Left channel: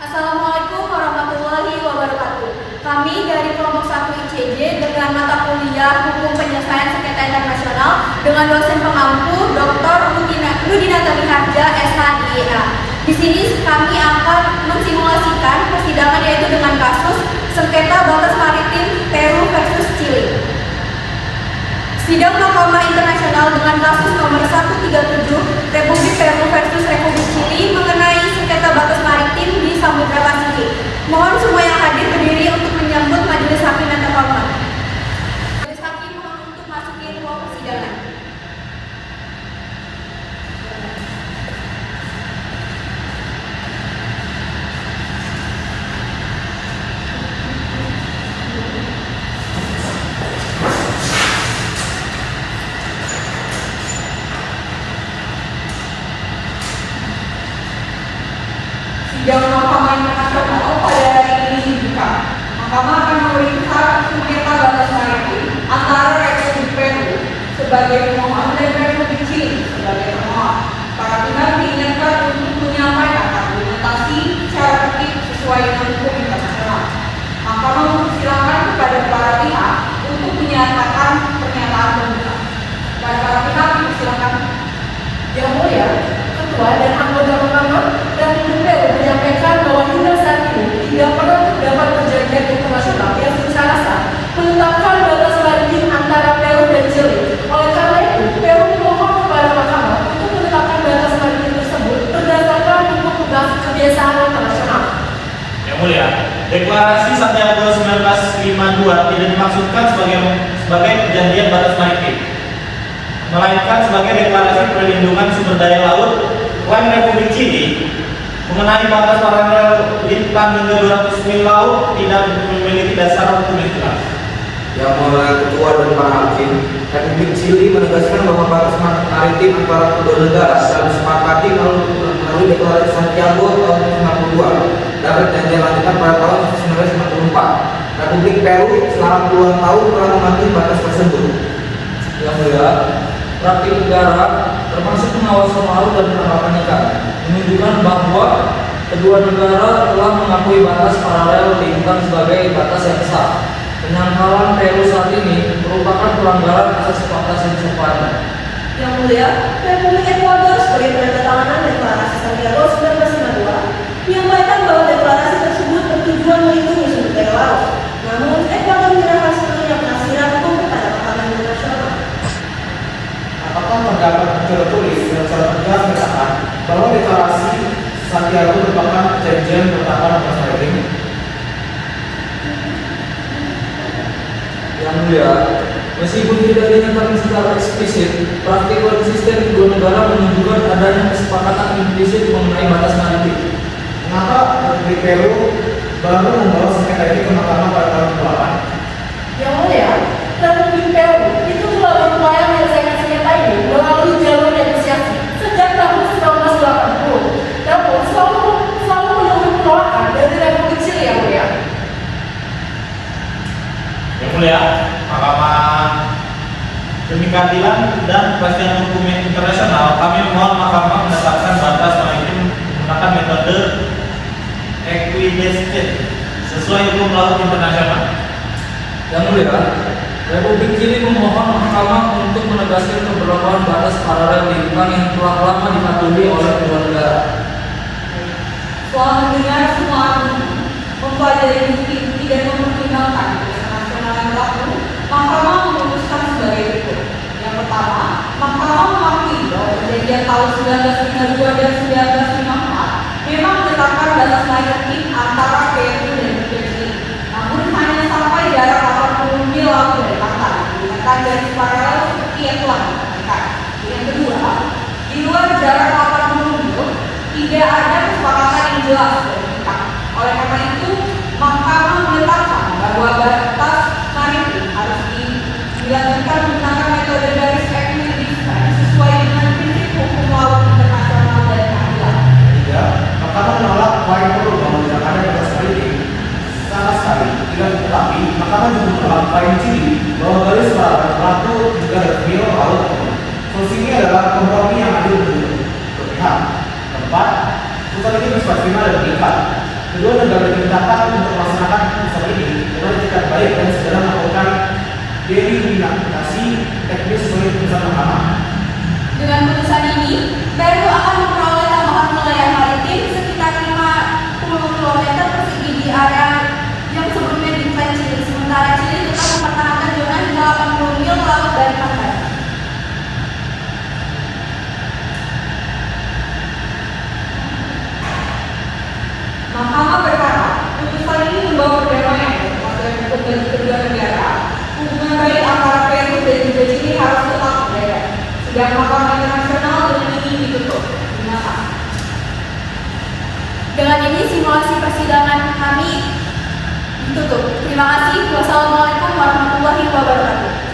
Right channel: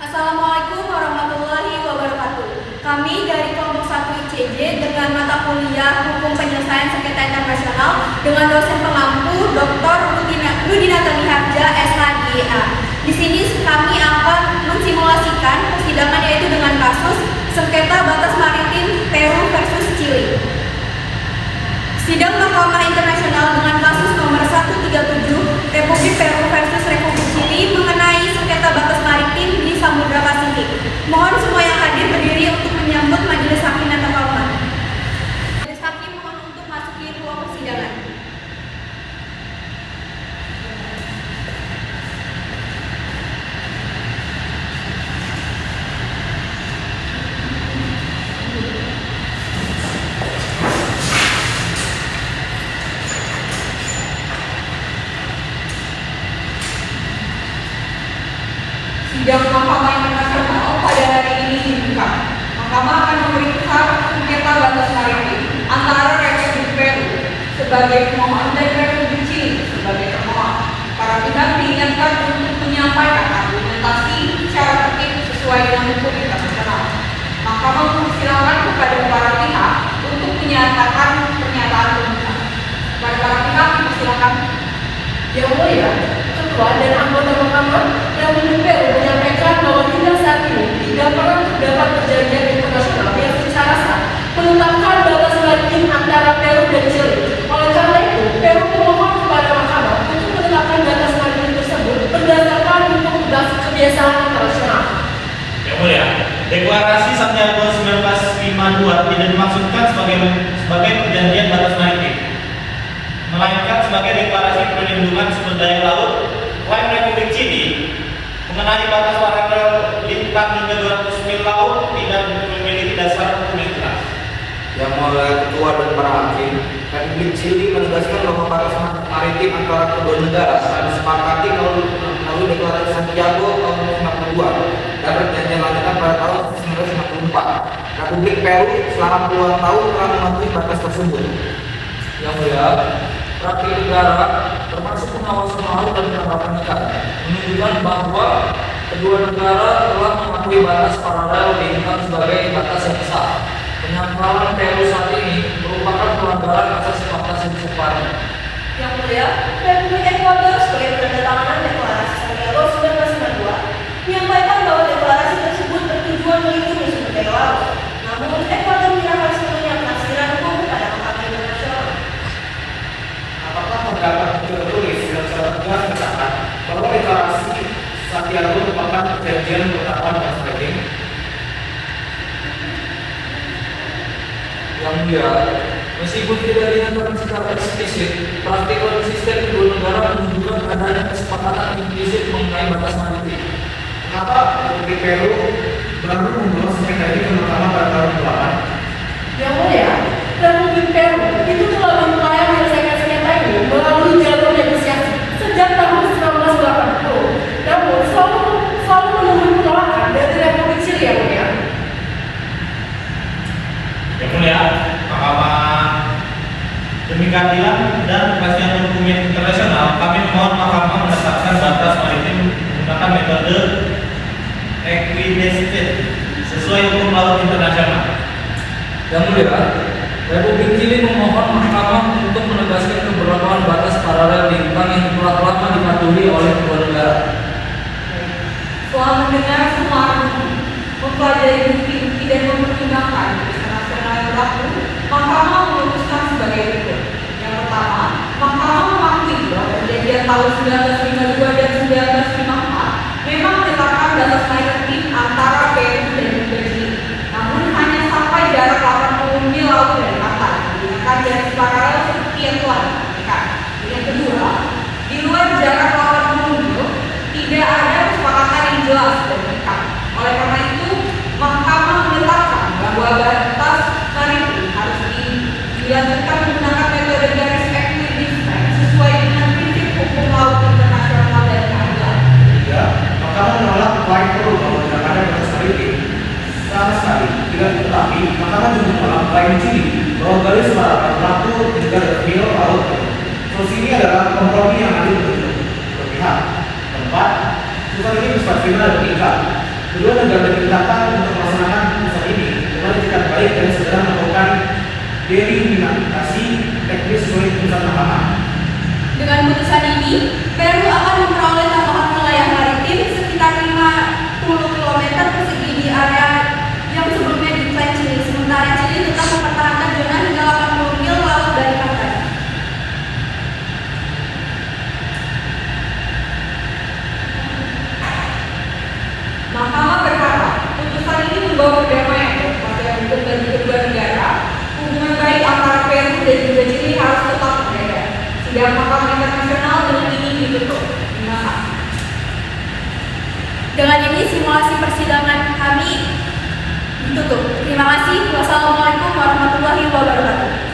Assalamualaikum warahmatullahi wabarakatuh. Kami dari kelompok 1 ICJ dengan mata kuliah Hukum Penyelesaian Sengketa Internasional dengan dosen pengampu Dr. Rudina Tamiharja, SHDA. Di sini kami akan mensimulasikan persidangan yaitu dengan kasus sengketa batas maritim Peru versus Chili. Sidang Mahkamah Internasional dengan kasus nomor 137 Republik Peru versus Republik Chili mengenai sengketa batas maritim di Samudra Pasifik. Mohon semua yang hadir berdiri untuk menyambut majelis hakim yang terhormat. Majelis hakim mohon untuk masuki ruang persidangan. Sidang Mahkamah Internasional pada hari ini dibuka. Mahkamah akan memeriksa sengketa batas maritim antara Republik Peru sebagai pemohon dan Republik Chili sebagai termohon. Para pihak diingatkan untuk menyampaikan argumentasi secara tertib sesuai dengan hukum internasional. Mahkamah mempersilahkan kepada para pihak untuk menyatakan pernyataan terbuka. Dan para pihak dipersilahkan. Yang mulia, Ketua dan anggota Mahkamah dan Peru menyampaikan bahwa hingga saat ini tidak pernah terdapat perjanjian internasional yang secara sah menetapkan batas maritim antara Peru dan Chili. Oleh karena itu, Peru memohon kepada Mahkamah untuk menetapkan batas maritim tersebut berdasarkan hukum kebiasaan internasional. Yang mulia, Deklarasi Santiago 1952 tidak dimaksudkan sebagai perjanjian batas maritim, melainkan sebagai deklarasi perlindungan sumber daya laut. Klaim Republik Chili mengenai batas paralel lintang hingga 200 mil laut tidak memiliki dasar hukum yang jelas. Yang mulia Ketua dan para hakim, Republik Chili menegaskan bahwa batas maritim antara kedua negara telah disepakati melalui Deklarasi Santiago tahun 1952 dan perjanjian lanjutan pada tahun 1954. Republik Peru selama puluhan tahun telah mematuhi batas tersebut. Yang mulia, praktik negara termasuk pengawasan laut dan penerapan ikan menunjukkan bahwa kedua negara telah mengakui batas paralel lintang sebagai batas yang sah. Penyangkalan Peru saat ini merupakan pelanggaran asas hak asasi seseorang. Yang mulia, Republik Ekuador sebagai penandatanganan Deklarasi Santiago 1992 menyampaikan bahwa deklarasi tersebut bertujuan melindungi sumber daya laut. Namun, Ekuador menyerahkan sepenuhnya penafsiran hukum kepada Mahkamah Internasional. Apakah terdapat tertulis dan secara tegas menyatakan bahwa Deklarasi Santiago merupakan perjanjian pertahanan batas maritim? Yang mulia, meskipun tidak dinyatakan secara eksplisit, praktik konsisten kedua negara menunjukkan adanya kesepakatan implisit mengenai batas maritim. Mengapa Republik Peru baru membawa sengketa ini ke Mahkamah pada tahun ke-8? Yang mulia, Republik Peru itu telah berupaya menyelesaikan sengketa ini melalui jalur negosiasi sejak tahun 1980. Namun, selalu menunggu penolakan dari Republik Chili. Yang mulia. Yang mulia, Mahkamah demi keadilan dan kepastian hukum internasional, kami mohon Mahkamah menetapkan batas maritim menggunakan metode equidistant sesuai hukum laut internasional. Yang mulia, Republik Chili memohon Mahkamah untuk menegaskan keberlakuan batas paralel lintang yang telah lama dipatuhi oleh kedua negara. Setelah mendengar semua argumen, mempelajari bukti dan mempertimbangkan internasional yang berlaku, Mahkamah memutuskan sebagai berikut. Yang pertama, Mahkamah mengakui bahwa perjanjian tahun 1952 dan 1954 memang menetapkan batas maritim antara Peru dan Chili. Namun hanya sampai jarak 80 mil laut dari pantai, digunakan garis paralel seperti yang telah ditentukan. Yang kedua, di luar jarak 80 mil, tidak ada kesepakatan yang jelas dan lengkap. Oleh karena itu, Mahkamah menetapkan bahwa batas maritim harus dilanjutkan menggunakan metode garis equidistant sesuai dengan prinsip hukum laut internasional dan keadilan. Ketiga, Mahkamah menolak klaim Peru bahwa tidak ada batas maritim. Sama sekali tidak tetapi Mahkamah juga menolak klaim Chili bahwa garis paralel berlaku juga mil laut. Solusi ini adalah kompromi yang adil untuk pihak. Keempat, putusan ini bersifat final dan mengikat. Kedua negara dimintakan untuk melaksanakan putusan ini dengan etikat baik dan segera melakukan delimitasi teknis sesuai putusan mahkamah. Dengan putusan ini, Peru akan memperoleh tambahan wilayah maritim sekitar 50 km persegi di area yang sebelumnya diklaim Chili, sementara Chili tetap mempertahankan zona hingga 80 mil laut dari pantai. Mahkamah berharap putusan ini membawa perdamaian dan kepastian hukum bagi kedua negara. Hubungan baik antara Peru dan juga Chili harus tetap terjaga. Sidang Mahkamah Internasional dengan ini ditutup. Terima kasih. Dengan ini simulasi persidangan kami ditutup. Terima kasih. Wassalamualaikum warahmatullahi wabarakatuh.